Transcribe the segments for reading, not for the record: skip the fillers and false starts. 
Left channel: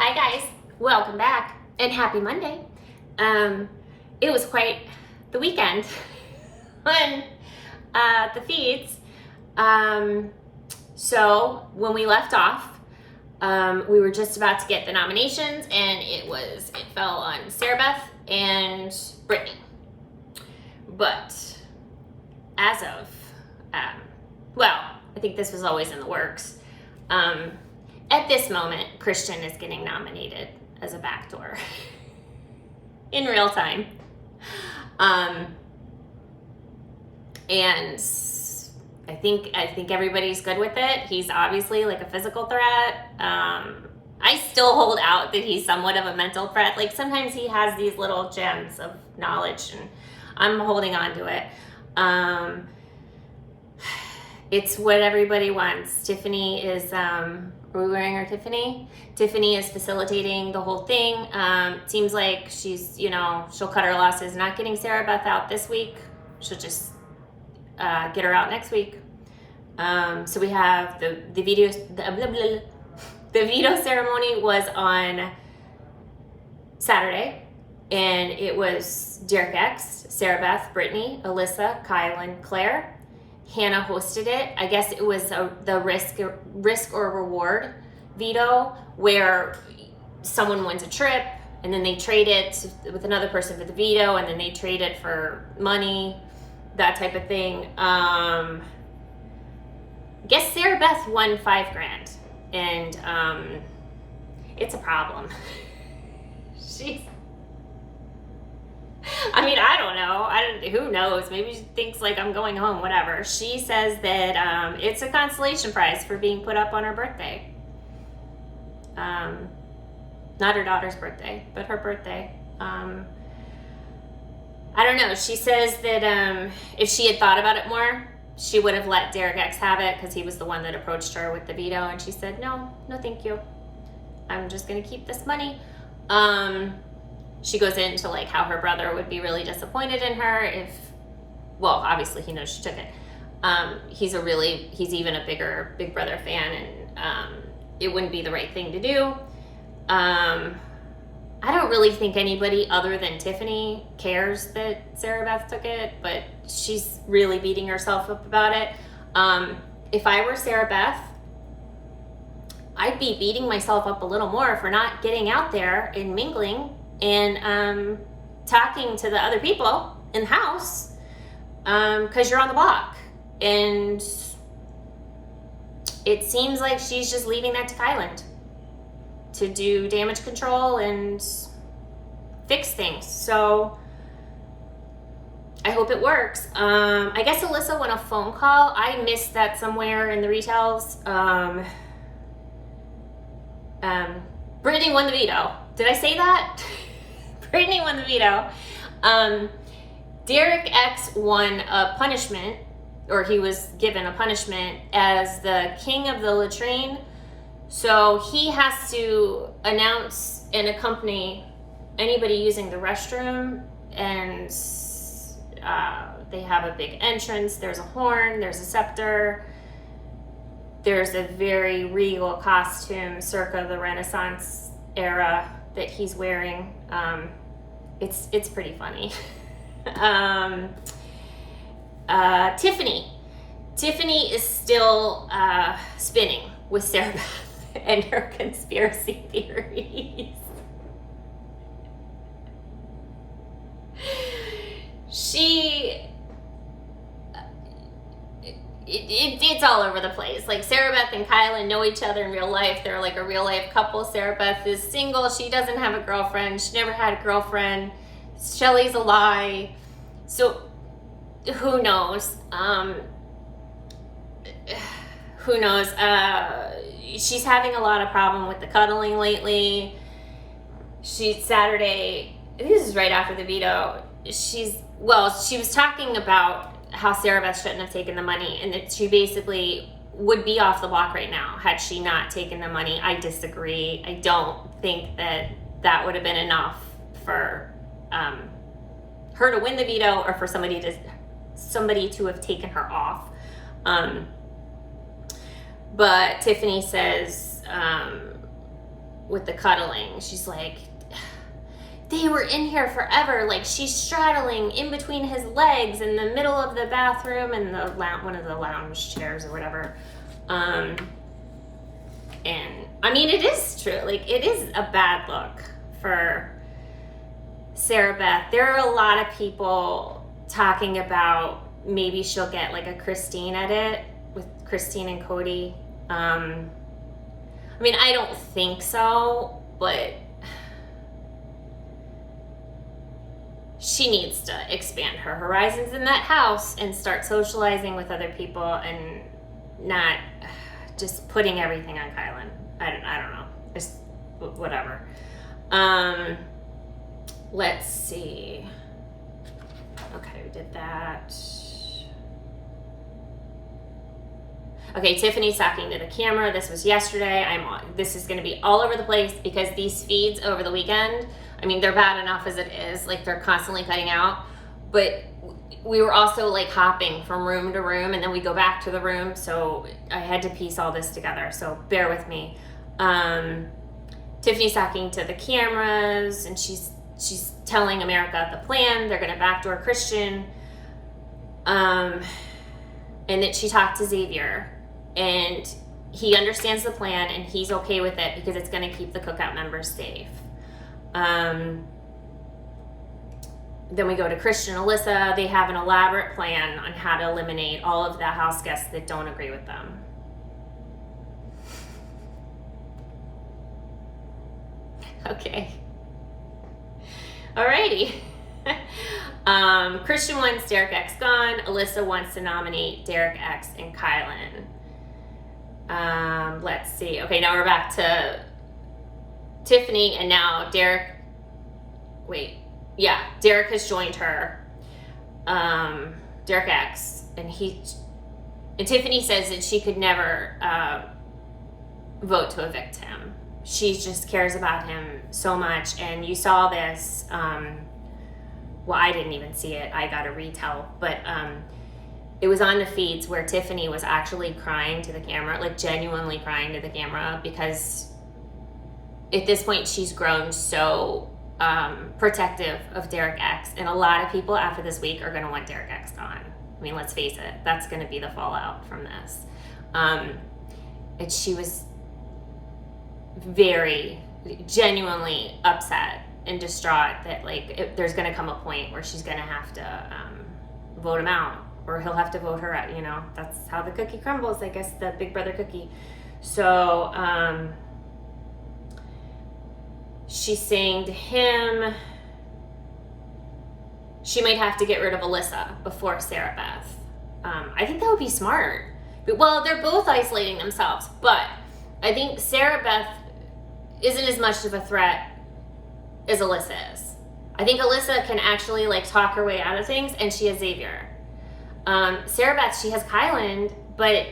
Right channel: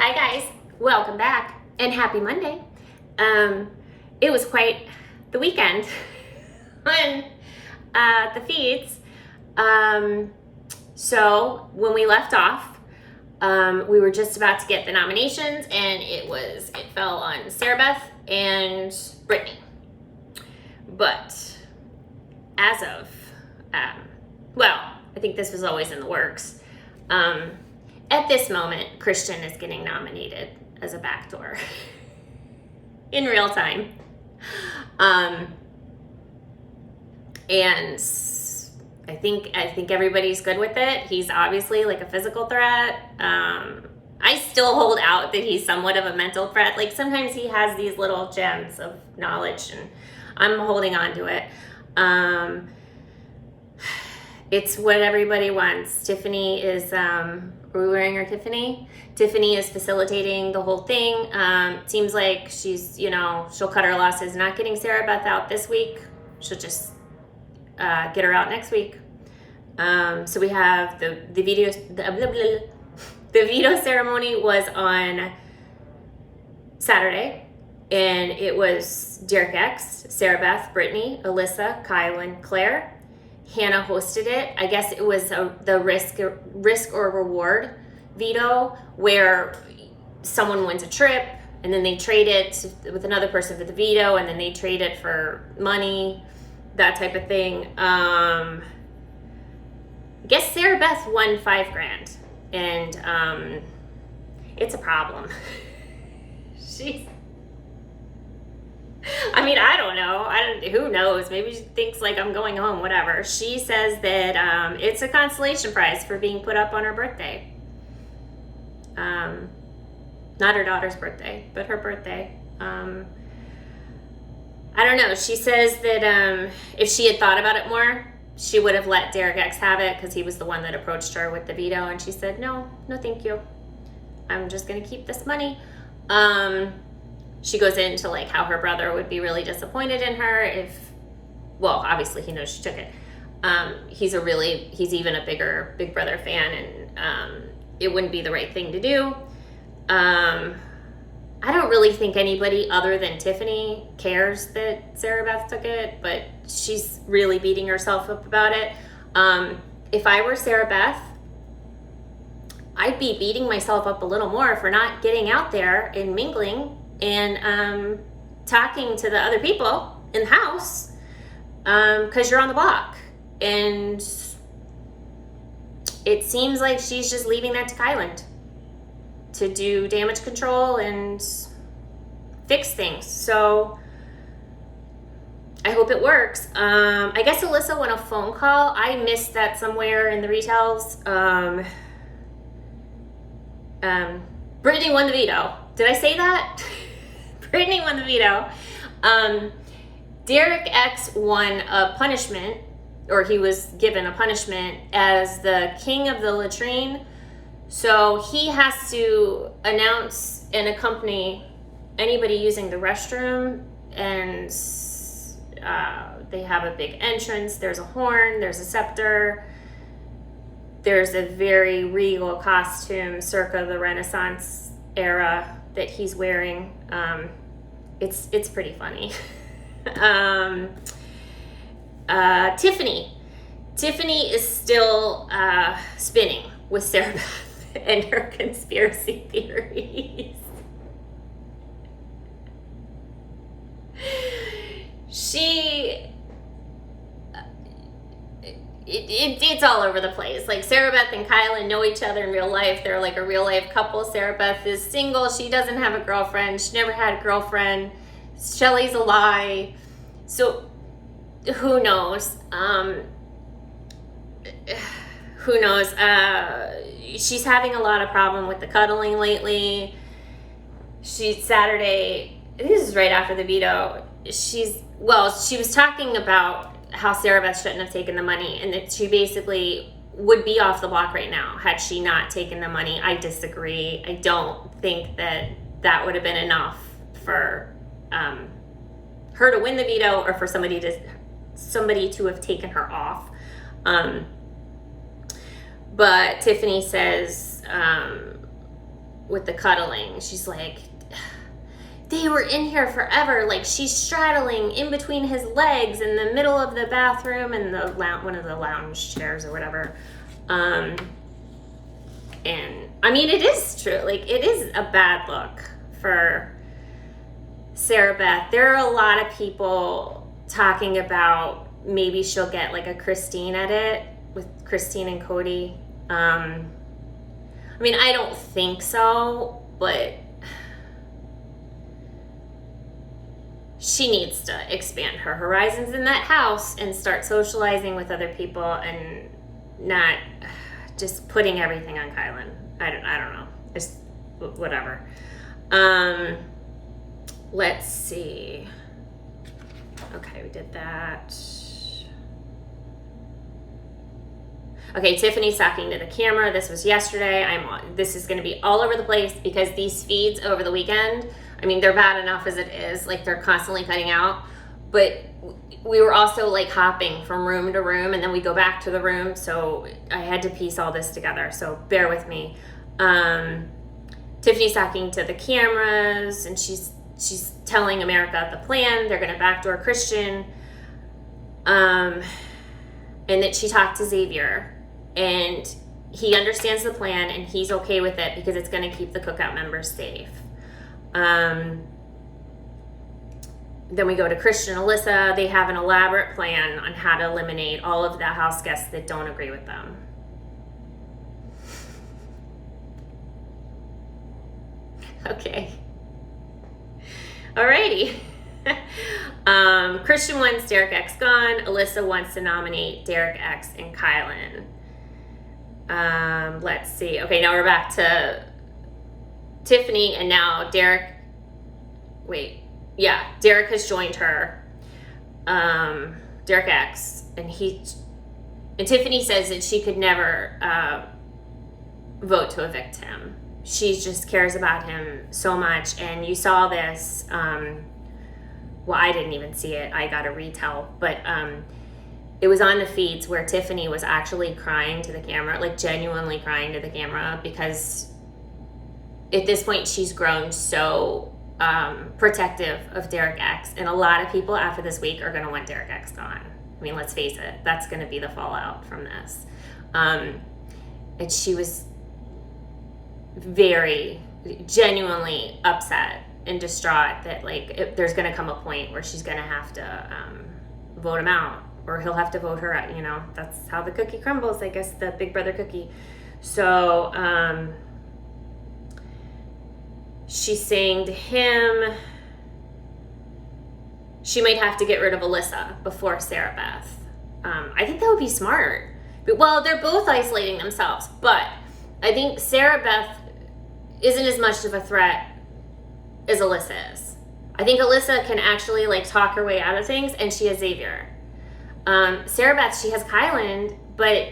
Hi guys, welcome back and happy Monday. It was quite the weekend on the feeds. So when we left off, we were just about to get the nominations, and it fell on Sarah Beth and Brittany. But as of, I think this was always in the works. At this moment, Christian is getting nominated as a backdoor in real time. And I think everybody's good with it. He's obviously like a physical threat. I still hold out that he's somewhat of a mental threat. Like sometimes he has these little gems of knowledge, and I'm holding on to it. It's what everybody wants. Tiffany is, are we wearing our Tiffany? Tiffany is facilitating the whole thing. Seems like she's, she'll cut her losses. Not getting Sarah Beth out this week. She'll just get her out next week. So we have the veto ceremony was on Saturday, and it was Derek X, Sarah Beth, Brittany, Alyssa, Kylan, Claire. Hannah hosted it. I guess it was the risk or reward veto, where someone wins a trip and then they trade it with another person for the veto, and then they trade it for money, that type of thing. I guess Sarah Beth won $5,000, and it's a problem. I don't know. Who knows? Maybe she thinks like I'm going home, whatever. She says that it's a consolation prize for being put up on her birthday. Not her daughter's birthday, but her birthday. I don't know. She says that if she had thought about it more, she would have let Derek X have it because he was the one that approached her with the veto, and she said, no, thank you. I'm just going to keep this money. She goes into like how her brother would be really disappointed in her if, obviously he knows she took it. He's even a bigger Big Brother fan, and it wouldn't be the right thing to do. I don't really think anybody other than Tiffany cares that Sarah Beth took it, but she's really beating herself up about it. If I were Sarah Beth, I'd be beating myself up a little more for not getting out there and mingling and talking to the other people in the house, because you're on the block. And it seems like she's just leaving that to Kylan to do damage control and fix things. So I hope it works. I guess Alyssa won a phone call. I missed that somewhere in the retells. Brittany won the veto. Did I say that? Brittany won the veto. Derek X won a punishment, or he was given a punishment as the king of the latrine. So he has to announce and accompany anybody using the restroom, and they have a big entrance. There's a horn, there's a scepter, there's a very regal costume circa the Renaissance era that he's wearing. It's pretty funny. Tiffany is still spinning with Sarah Beth and her conspiracy theories. It's all over the place. Like Sarah Beth and Kylan know each other in real life. They're like a real life couple. Sarah Beth is single. She doesn't have a girlfriend. She never had a girlfriend. Shelly's a lie. So who knows? Who knows? She's having a lot of problem with the cuddling lately. Saturday, this is right after the veto. She was talking about how Sarah Beth shouldn't have taken the money, and that she basically would be off the block right now had she not taken the money. I disagree. I don't think that would have been enough for her to win the veto, or for somebody to have taken her off. But Tiffany says with the cuddling. She's like, they were in here forever. Like, she's straddling in between his legs in the middle of the bathroom and the one of the lounge chairs or whatever. And I mean, it is true. Like, it is a bad look for Sarah Beth. There are a lot of people talking about maybe she'll get like a Christine edit with Christine and Cody. I mean, I don't think so, but she needs to expand her horizons in that house and start socializing with other people and not just putting everything on Kylan. I don't know. It's whatever. Let's see. Okay, we did that. Okay, Tiffany's talking to the camera. This was yesterday. This is going to be all over the place because these feeds over the weekend, I mean, they're bad enough as it is. Like, they're constantly cutting out. But we were also like hopping from room to room, and then we go back to the room. So I had to piece all this together. So bear with me. Tiffany's talking to the cameras, and she's telling America the plan. They're going to backdoor Christian. And that she talked to Xavier, and he understands the plan, and he's okay with it because it's going to keep the cookout members safe. Then we go to Christian and Alyssa. They have an elaborate plan on how to eliminate all of the house guests that don't agree with them. Okay. Alrighty. Christian wants Derek X gone. Alyssa wants to nominate Derek X and Kylan. Let's see. Okay, now we're back to Tiffany, and now Derek. Derek has joined her. Derek X, and Tiffany says that she could never vote to evict him. She just cares about him so much, and you saw this. Well, I didn't even see it. I got a retell, but it was on the feeds where Tiffany was actually crying to the camera, like genuinely crying to the camera, because at this point she's grown so protective of Derek X, and a lot of people after this week are going to want Derek X gone. I mean, let's face it, that's going to be the fallout from this. And she was very genuinely upset and distraught that there's going to come a point where she's going to have to vote him out, or he'll have to vote her out. You know, that's how the cookie crumbles, I guess, the big brother cookie. So she's saying to him she might have to get rid of Alyssa before Sarah Beth. I think that would be smart. Well, they're both isolating themselves, but I think Sarah Beth isn't as much of a threat as Alyssa is. I think Alyssa can actually talk her way out of things, and she has Xavier. Sarah Beth, she has Kylan, but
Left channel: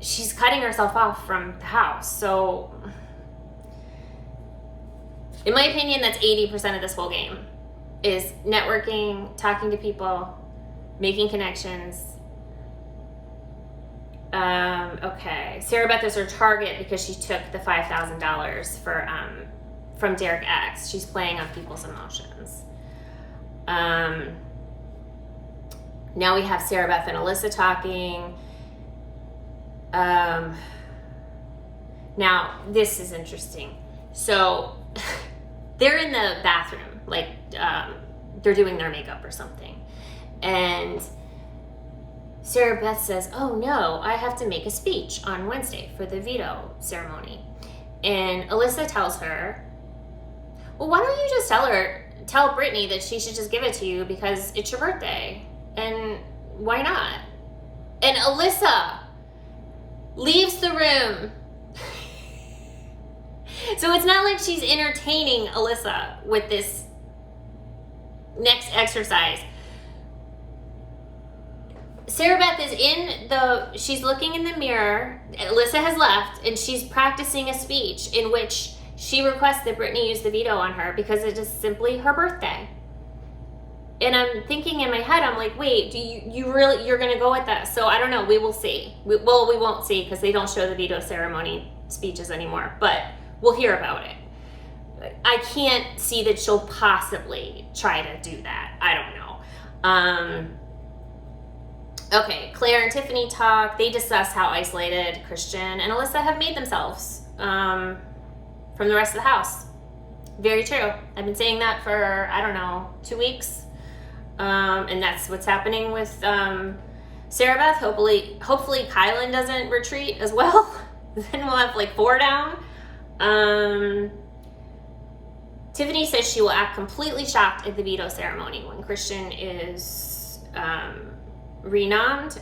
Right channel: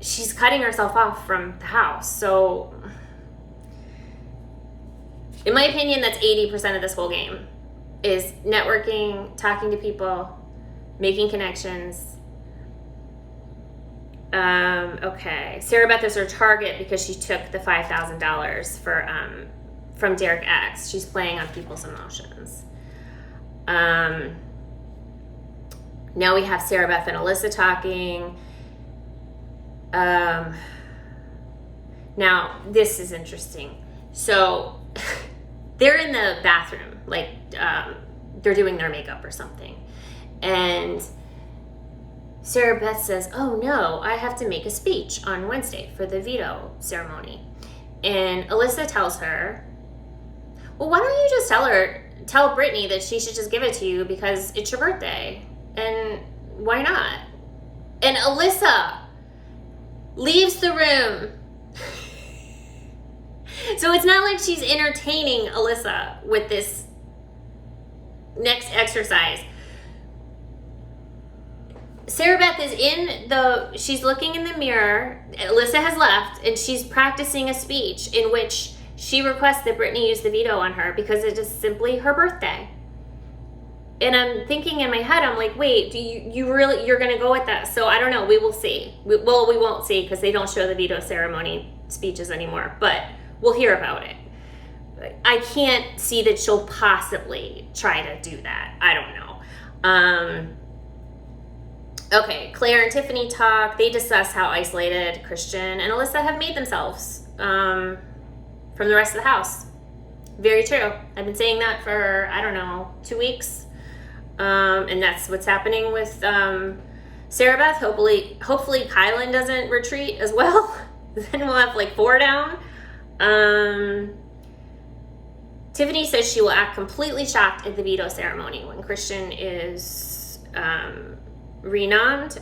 she's cutting herself off from the house. So in my opinion, that's 80% of this whole game, is networking, talking to people, making connections. Okay, Sarah Beth is her target because she took the $5,000 from Derek X. She's playing on people's emotions. Now we have Sarah Beth and Alyssa talking. Now this is interesting. So they're in the bathroom, they're doing their makeup or something, and Sarah Beth says, "Oh no, I have to make a speech on Wednesday for the veto ceremony." And Alyssa tells her, "Well, why don't you just tell Brittany that she should just give it to you because it's your birthday, and why not?" And Alyssa leaves the room. So it's not like she's entertaining Alyssa with this next exercise. Sarah Beth is she's looking in the mirror. Alyssa has left, and she's practicing a speech in which she requests that Brittany use the veto on her because it is simply her birthday. And I'm thinking in my head, I'm like, wait, you're going to go with that? So I don't know. We will see. We won't see because they don't show the veto ceremony speeches anymore. But we'll hear about it. I can't see that she'll possibly try to do that. I don't know. Okay, Claire and Tiffany talk. They discuss how isolated Christian and Alyssa have made themselves from the rest of the house. Very true. I've been saying that for, I don't know, 2 weeks. And that's what's happening with Sarah Beth. Hopefully Kylan doesn't retreat as well. Then we'll have like 4 down. Tiffany says she will act completely shocked at the veto ceremony when Christian is renommed.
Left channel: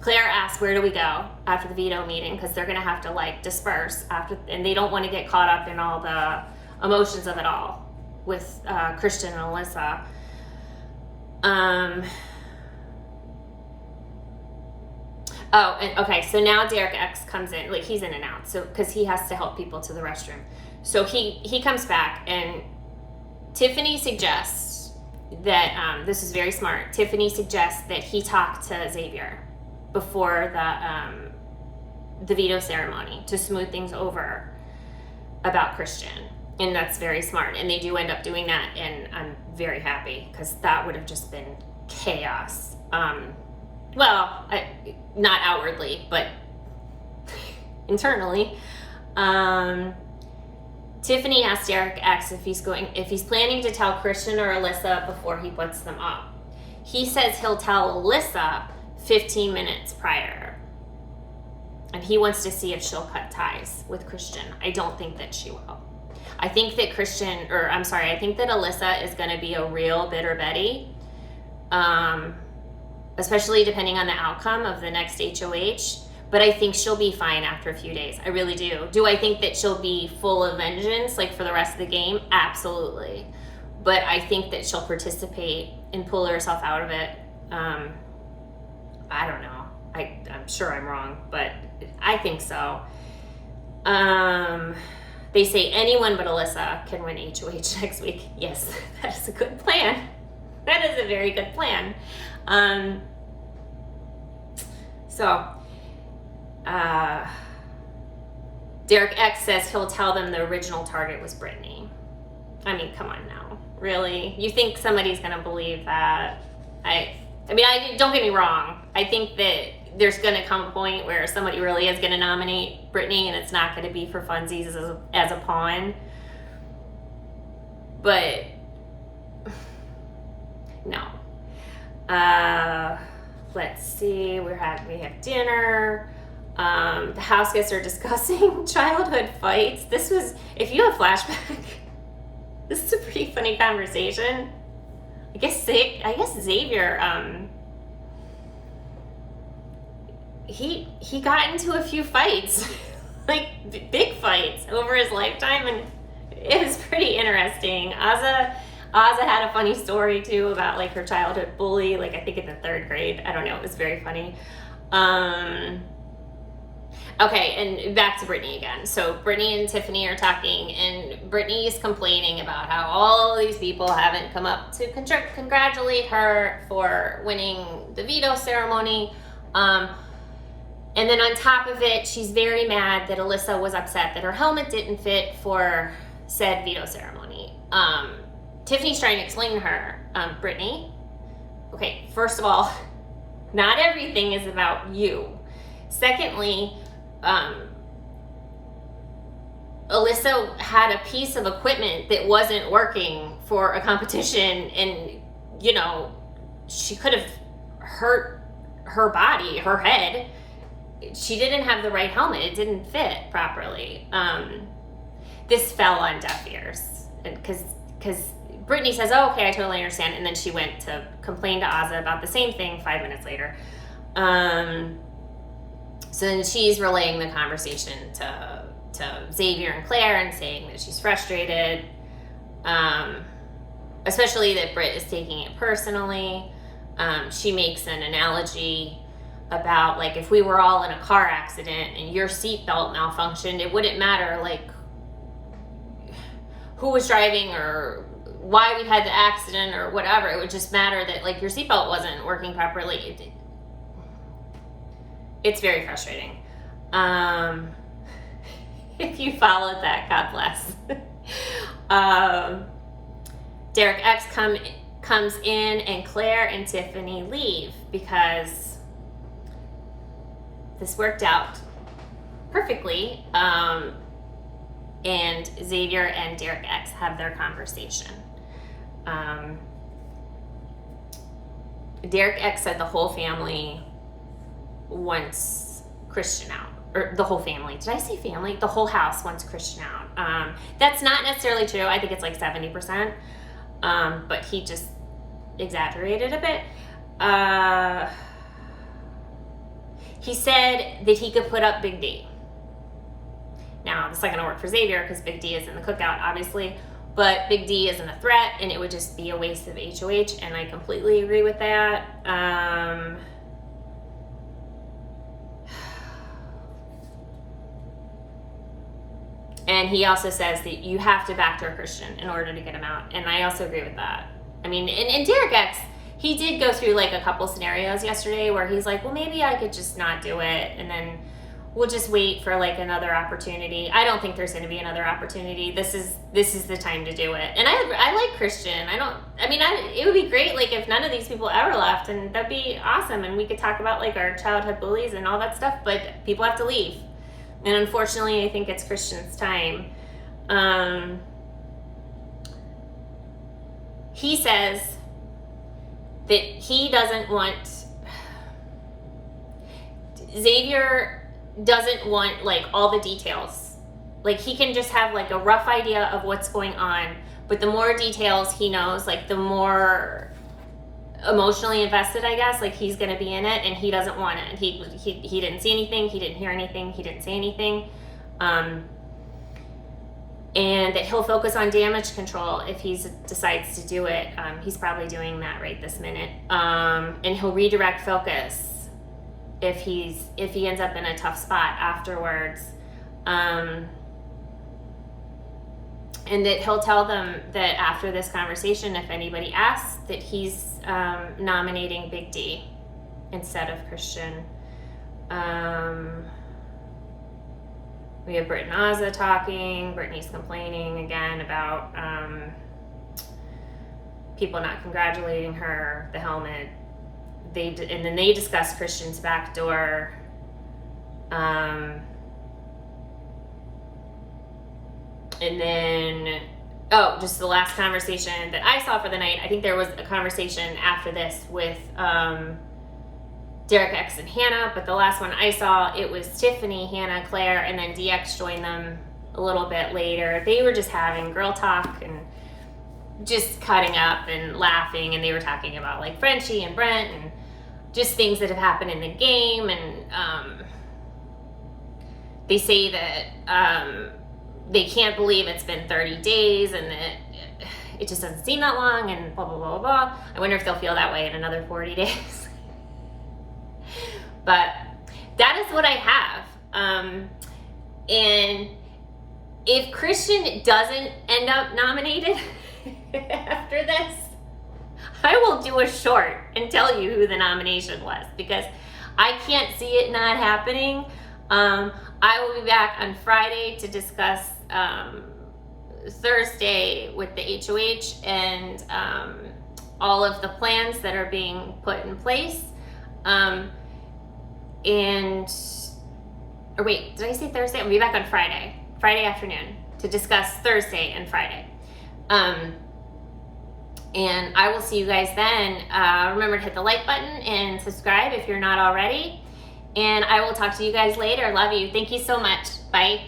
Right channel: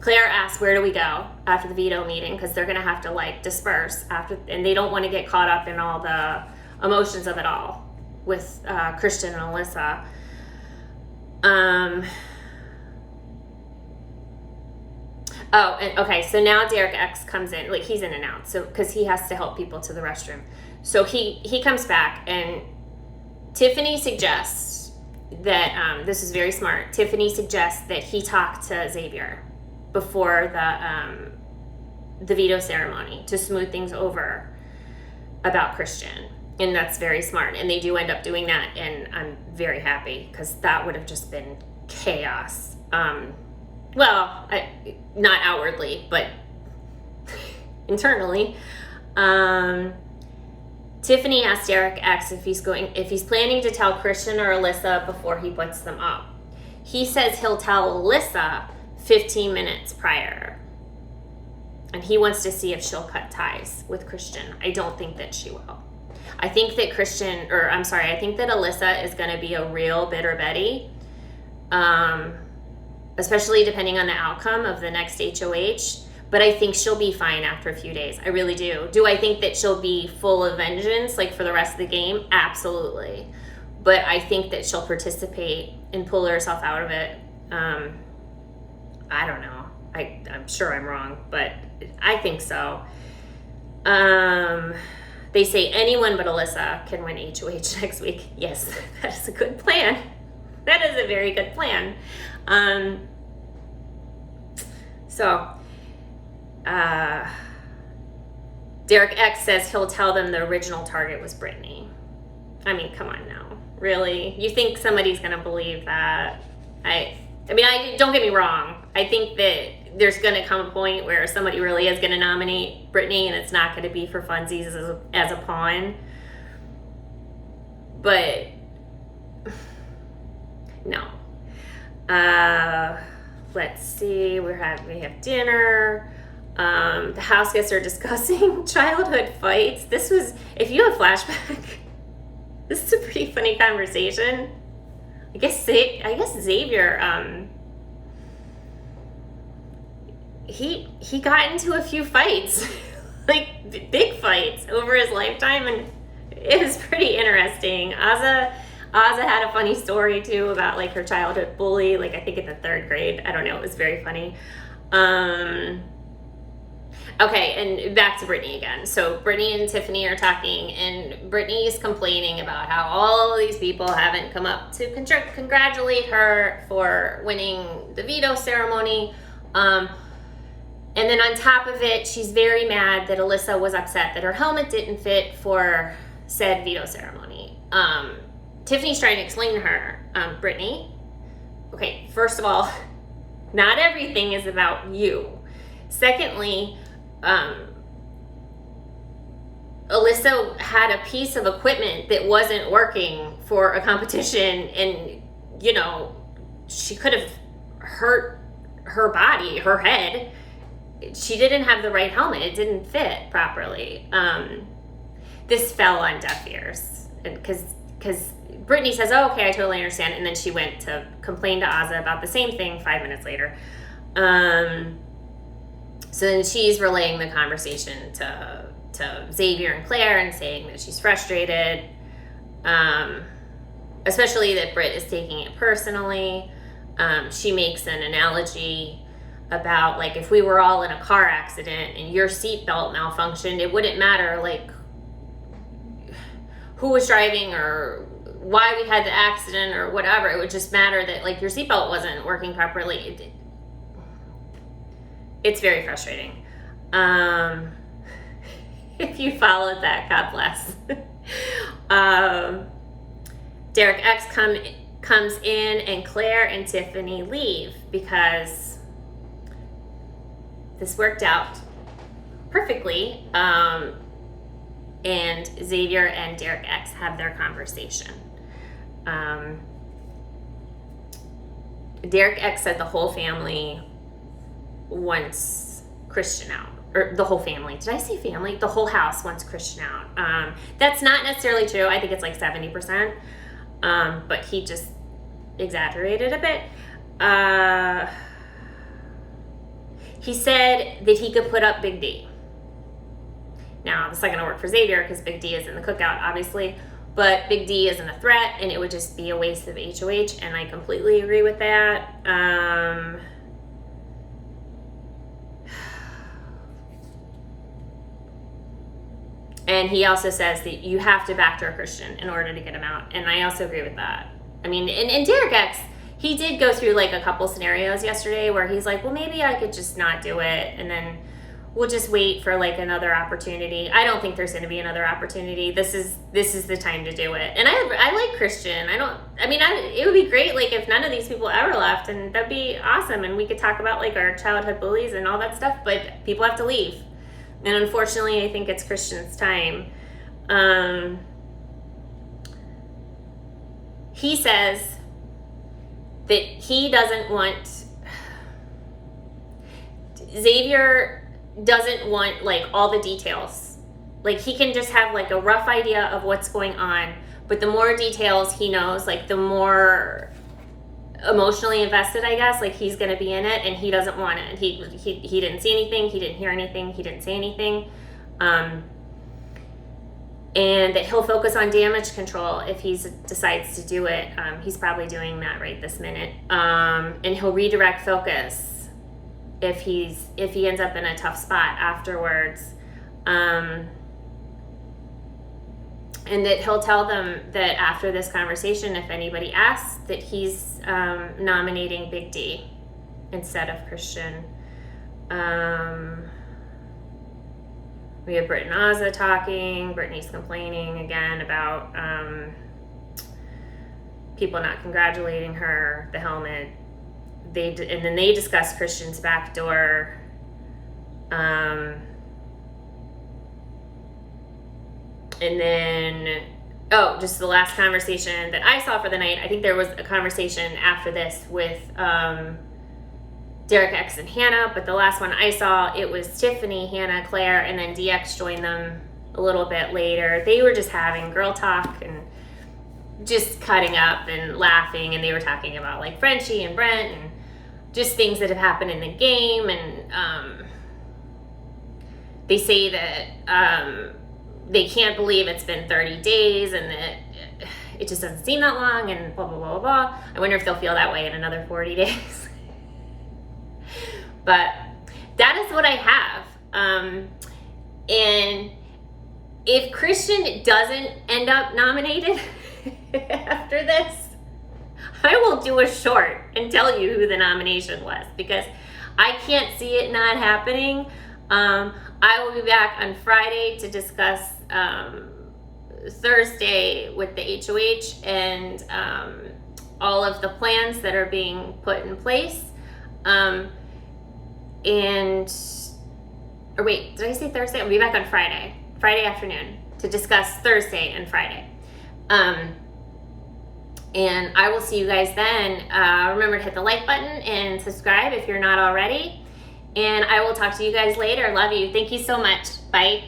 Claire asks, where do we go after the veto meeting? Because they're going to have to like disperse after, and they don't want to get caught up in all the emotions of it all with Christian and Alyssa. Oh, and okay, so now Derek X comes in, like he's in and out, so because he has to help people to the restroom. So he comes back, and Tiffany suggests that this is very smart. Tiffany suggests that he talk to Xavier before the veto ceremony to smooth things over about Christian, and that's very smart. And they do end up doing that, and I'm very happy because that would have just been chaos. Well, not outwardly, but internally. Tiffany asked Derek X if he's planning to tell Christian or Alyssa before he puts them up. He says he'll tell Alyssa 15 minutes prior. And he wants to see if she'll cut ties with Christian. I don't think that she will. I think that I think that Alyssa is going to be a real bitter Betty. Especially depending on the outcome of the next HOH. But I think she'll be fine after a few days. I really do. Do I think that she'll be full of vengeance, like for the rest of the game? Absolutely. But I think that she'll participate and pull herself out of it. I don't know. I'm sure I'm wrong, but I think so. They say anyone but Alyssa can win HOH next week. Yes, that is a good plan. That is a very good plan. Derek X says he'll tell them the original target was Brittany. I mean, come on now. Really? You think somebody's going to believe that? I mean, don't get me wrong. I think that there's going to come a point where somebody really is going to nominate Brittany, and it's not going to be for funsies as a pawn. But no. Let's see. We have dinner. The house guests are discussing childhood fights. This was, if you have flashback, this is a pretty funny conversation. I guess Xavier, he got into a few fights, like big fights over his lifetime, and it was pretty interesting. Azza had a funny story too about like her childhood bully, like I think in the 3rd grade. I don't know, it was very funny. Okay, and back to Brittany again. So Brittany and Tiffany are talking, and Brittany is complaining about how all of these people haven't come up to congratulate her for winning the veto ceremony. And then on top of it, she's very mad that Alyssa was upset that her helmet didn't fit for said veto ceremony. Tiffany's trying to explain to her, Brittany, okay, first of all, not everything is about you. Secondly, Alyssa had a piece of equipment that wasn't working for a competition, and she could have hurt her body, her head. She didn't have the right helmet. It didn't fit properly. This fell on deaf ears, because Brittany says, oh, okay, I totally understand, and then she went to complain to Azza about the same thing 5 minutes later. So then she's relaying the conversation to Xavier and Claire and saying that she's frustrated, especially that Britt is taking it personally. She makes an analogy about, like, if we were all in a car accident and your seatbelt malfunctioned, it wouldn't matter, like, who was driving or why we had the accident or whatever. It would just matter that, like, your seatbelt wasn't working properly. It's very frustrating. If you followed that, God bless. Derek X comes in, and Claire and Tiffany leave because this worked out perfectly. And Xavier and Derek X have their conversation. Derek X said the whole family wants Christian out. Or the whole family. Did I say family? The whole house wants Christian out. That's not necessarily true. I think it's like 70%. But he just exaggerated a bit. He said that he could put up Big D. Now, this is not going to work for Xavier because Big D is in the cookout, obviously. But Big D isn't a threat, and it would just be a waste of HOH, and I completely agree with that. And he also says that you have to backdoor Christian in order to get him out. And I also agree with that. I mean, and Derek X, he did go through like a couple scenarios yesterday where he's like, well, maybe I could just not do it. And then we'll just wait for like another opportunity. I don't think there's going to be another opportunity. This is the time to do it. And I like Christian. It would be great like if none of these people ever left, and that'd be awesome. And we could talk about like our childhood bullies and all that stuff, but people have to leave. And unfortunately, I think it's Christian's time. He says that he doesn't want, Xavier doesn't want like all the details. Like he can just have like a rough idea of what's going on, but the more details he knows, like the more emotionally invested, I guess, like he's going to be in it, and he doesn't want it. He didn't see anything, he didn't hear anything, he didn't say anything, and that he'll focus on damage control if he decides to do it. He's probably doing that right this minute, and he'll redirect focus if he ends up in a tough spot afterwards, and that he'll tell them that after this conversation, if anybody asks, that he's nominating Big D instead of Christian. We have Britt and Ozza talking. Brittany's complaining again about people not congratulating her, the helmet. And then they discuss Christian's backdoor. And then, just the last conversation that I saw for the night. I think there was a conversation after this with Derek X and Hannah, but the last one I saw, it was Tiffany, Hannah, Claire, and then DX joined them a little bit later. They were just having girl talk and just cutting up and laughing, and they were talking about like Frenchie and Brent and just things that have happened in the game, and they say that they can't believe it's been 30 days and that it just doesn't seem that long, and blah, blah, blah, blah. I wonder if they'll feel that way in another 40 days. But that is what I have. And if Christian doesn't end up nominated after this, I will do a short and tell you who the nomination was, because I can't see it not happening. I will be back on Friday to discuss Thursday with the HOH and all of the plans that are being put in place. Did I say Thursday? I'll be back on Friday afternoon to discuss Thursday and Friday. And I will see you guys then. Remember to hit the like button and subscribe if you're not already. And I will talk to you guys later. Love you. Thank you so much. Bye.